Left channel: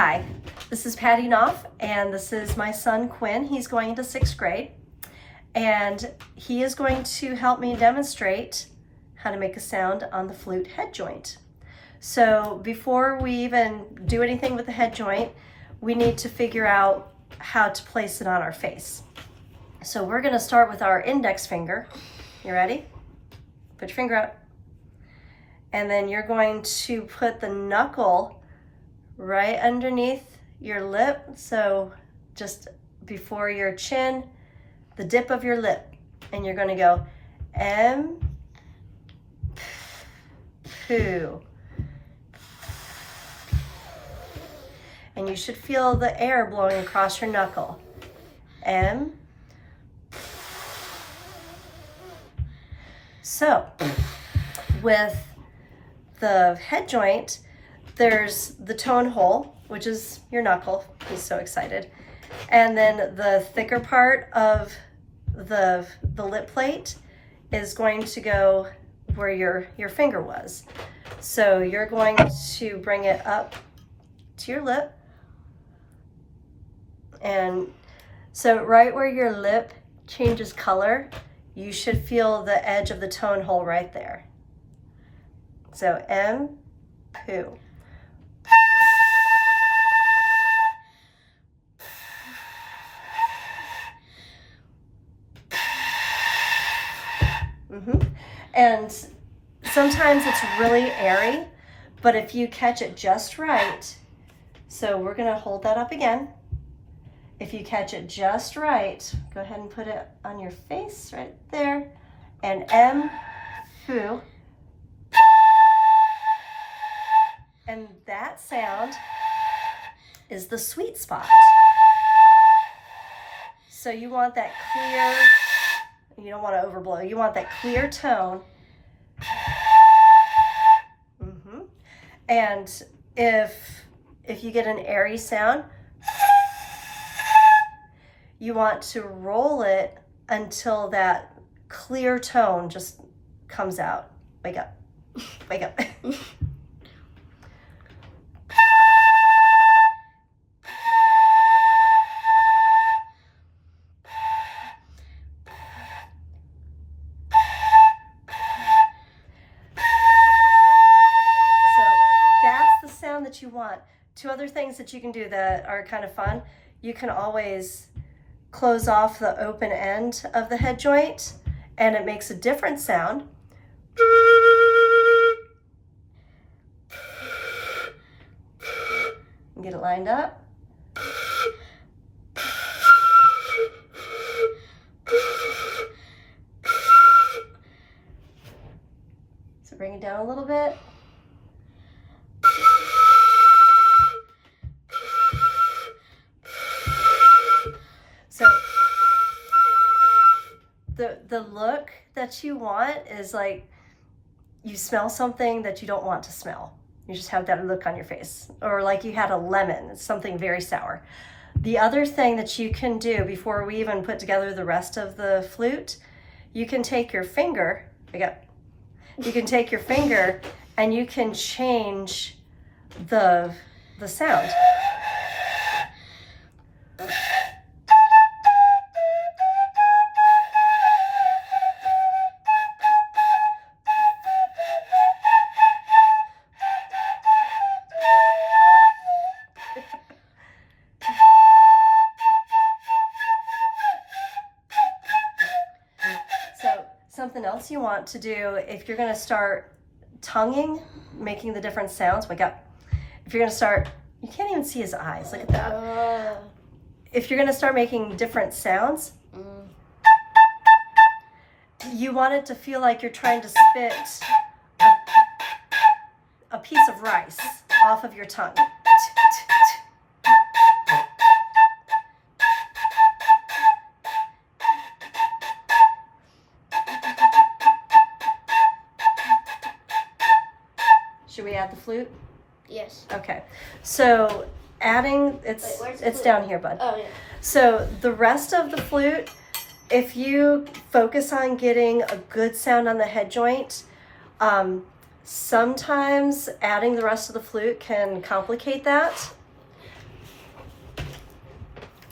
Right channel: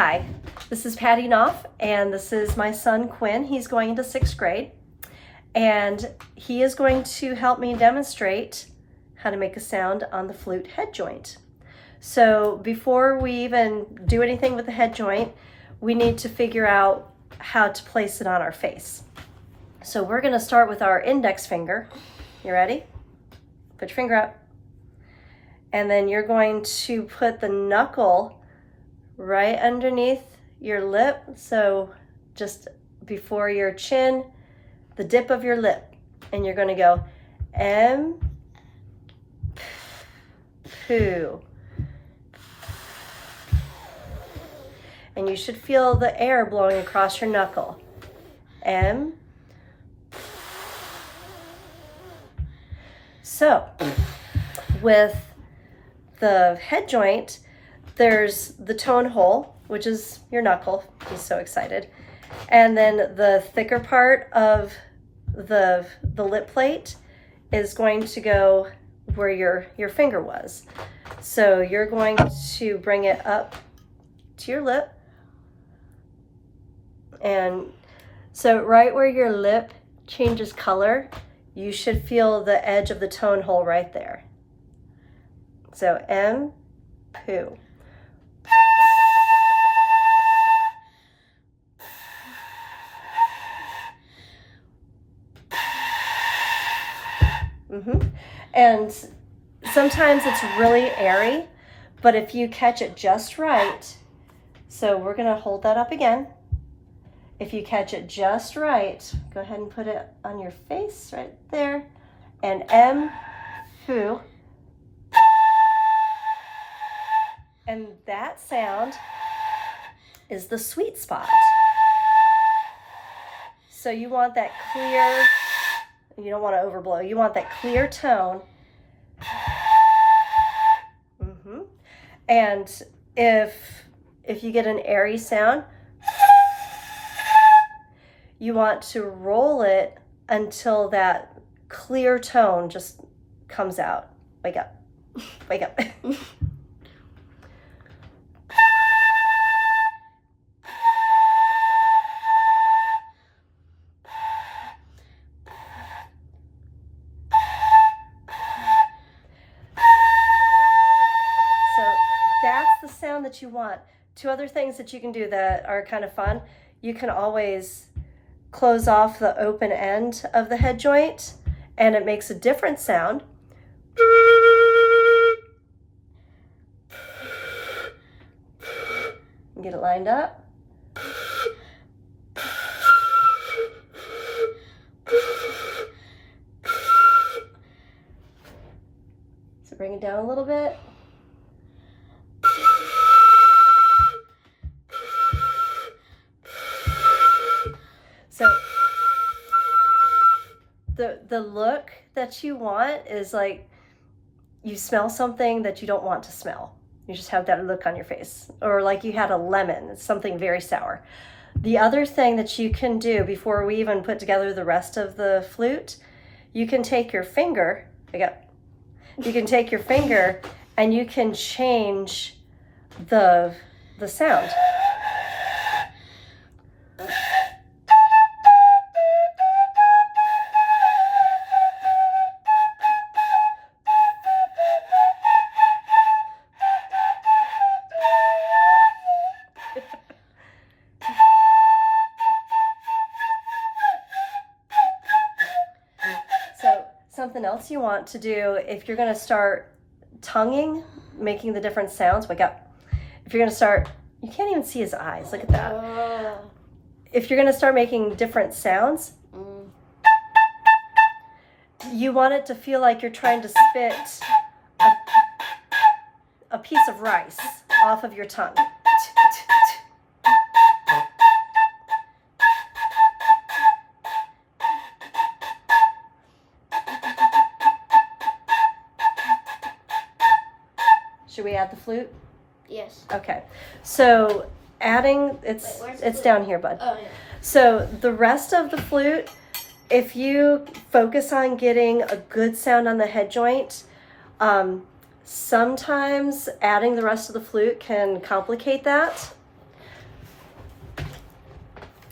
Hi, this is Patty Knopf, and this is my son Quinn. He's going into 6th grade, and he is going to help me demonstrate how to make a sound on the flute head joint. So before we even do anything with the head joint, we need to figure out how to place it on our face. So we're going to start with our index finger. You ready? Put your finger up. And then you're going to put the knuckle right underneath your lip, so just before your chin, the dip of your lip, and you're going to go M, poo. And you should feel the air blowing across your knuckle. M. So, with the head joint, there's the tone hole, which is your knuckle. He's so excited. And then the thicker part of the lip plate is going to go where your finger was. So you're going to bring it up to your lip. And so right where your lip changes color, you should feel the edge of the tone hole right there. So M, poo. And sometimes it's really airy, but if you catch it just right, so we're gonna hold that up again. If you catch it just right, go ahead and put it on your face right there, and M, poo. And that sound is the sweet spot. So you want that clear, you don't want to overblow, you want that clear tone. And if you get an airy sound, you want to roll it until that clear tone just comes out. Wake up, wake up. That you want. Two other things that you can do that are kind of fun. You can always close off the open end of the head joint and it makes a different sound. Get it lined up. So bring it down a little bit. The look that you want is like you smell something that you don't want to smell. You just have that look on your face. Or like you had a lemon, it's something very sour. The other thing that you can do before we even put together the rest of the flute, you can take your finger, you can take your finger and you can change the sound. Something else you want to do if you're going to start tonguing, making the different sounds, wake up. If you're going to start, you can't even see his eyes, look at that. If you're going to start making different sounds, you want it to feel like you're trying to spit a piece of rice off of your tongue. Should we add the flute? Yes. Okay. So adding, it's down here, bud. Oh, yeah. So the rest of the flute, if you focus on getting a good sound on the head joint, sometimes adding the rest of the flute can complicate that.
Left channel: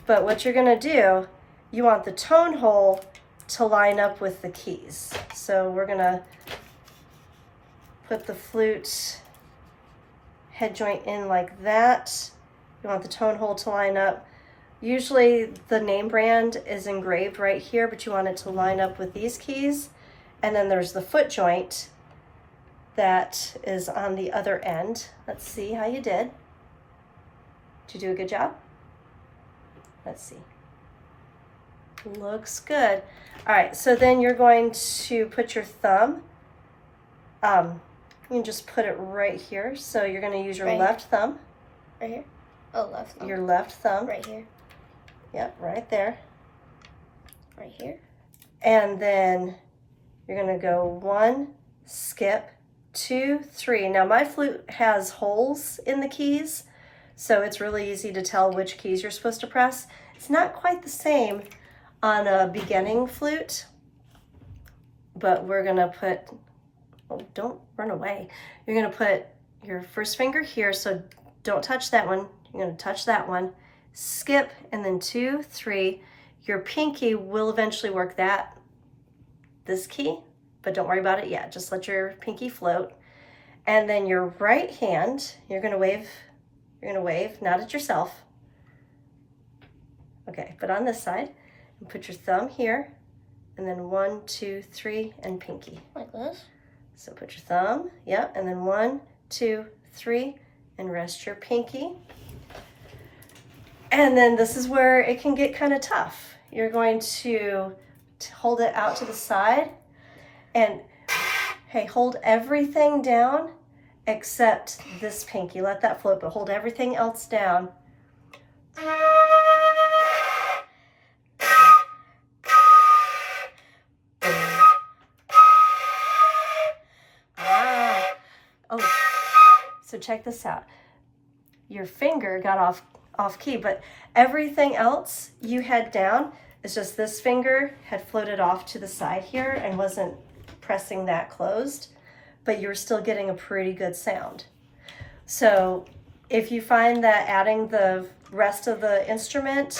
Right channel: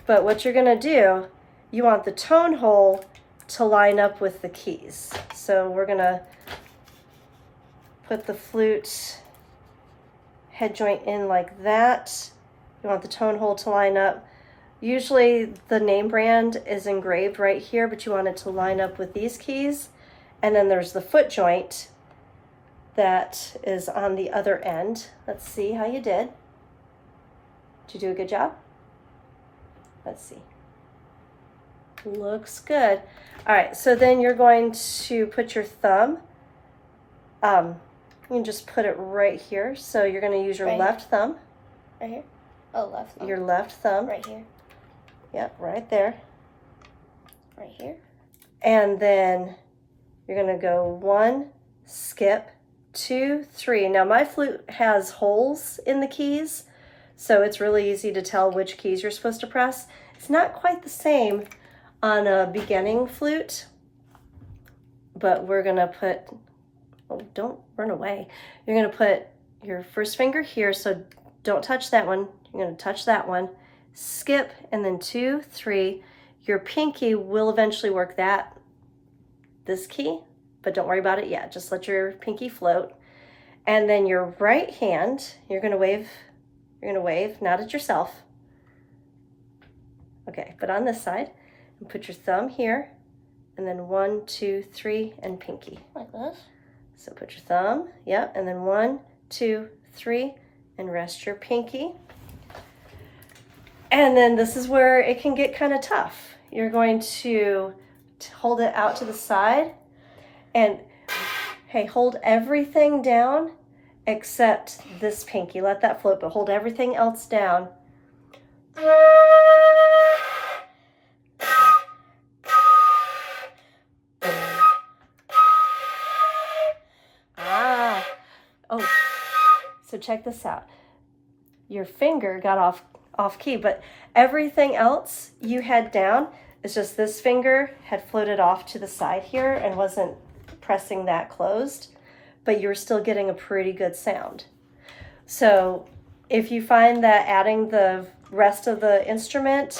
But what you're gonna do, you want the tone hole to line up with the keys. So we're gonna put the flute head joint in like that. You want the tone hole to line up. Usually the name brand is engraved right here, but you want it to line up with these keys. And then there's the foot joint that is on the other end. Let's see how you did. Did you do a good job? Let's see. Looks good. All right, so then you're going to put your thumb. You can just put it right here. So you're going to use your left thumb. Right here? Oh, left thumb. Your left thumb. Right here. Yep, right there. Right here. And then you're going to go 1, skip, 2, 3. Now my flute has holes in the keys, so it's really easy to tell which keys you're supposed to press. It's not quite the same on a beginning flute, but we're going to put, oh, don't run away. You're going to put your first finger here, so don't touch that one. You're going to touch that one, skip, and then 2, 3. Your pinky will eventually work this key, but don't worry about it yet. Just let your pinky float. And then your right hand, you're gonna wave, not at yourself. Okay, but on this side, and put your thumb here, and then 1, 2, 3, and pinky. Like this? So put your thumb, yep, and then 1, 2, 3, and rest your pinky. And then this is where it can get kind of tough. You're going to hold it out to the side, and hey, hold everything down except this pinky. Let that float, but hold everything else down. Oh, so check this out. Your finger got off key, but everything else you had down. It's just this finger had floated off to the side here and wasn't pressing that closed, but you were still getting a pretty good sound. So if you find that adding the rest of the instrument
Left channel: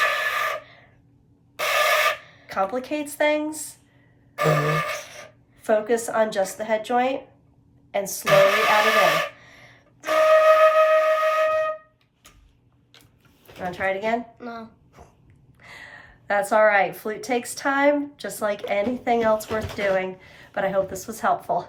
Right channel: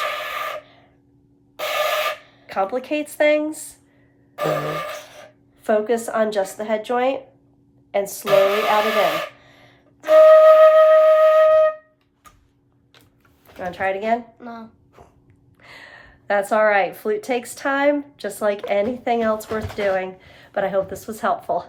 complicates things, focus on just the head joint and slowly add it in. You want to try it again? No. That's all right. Flute takes time, just like anything else worth doing, but I hope this was helpful.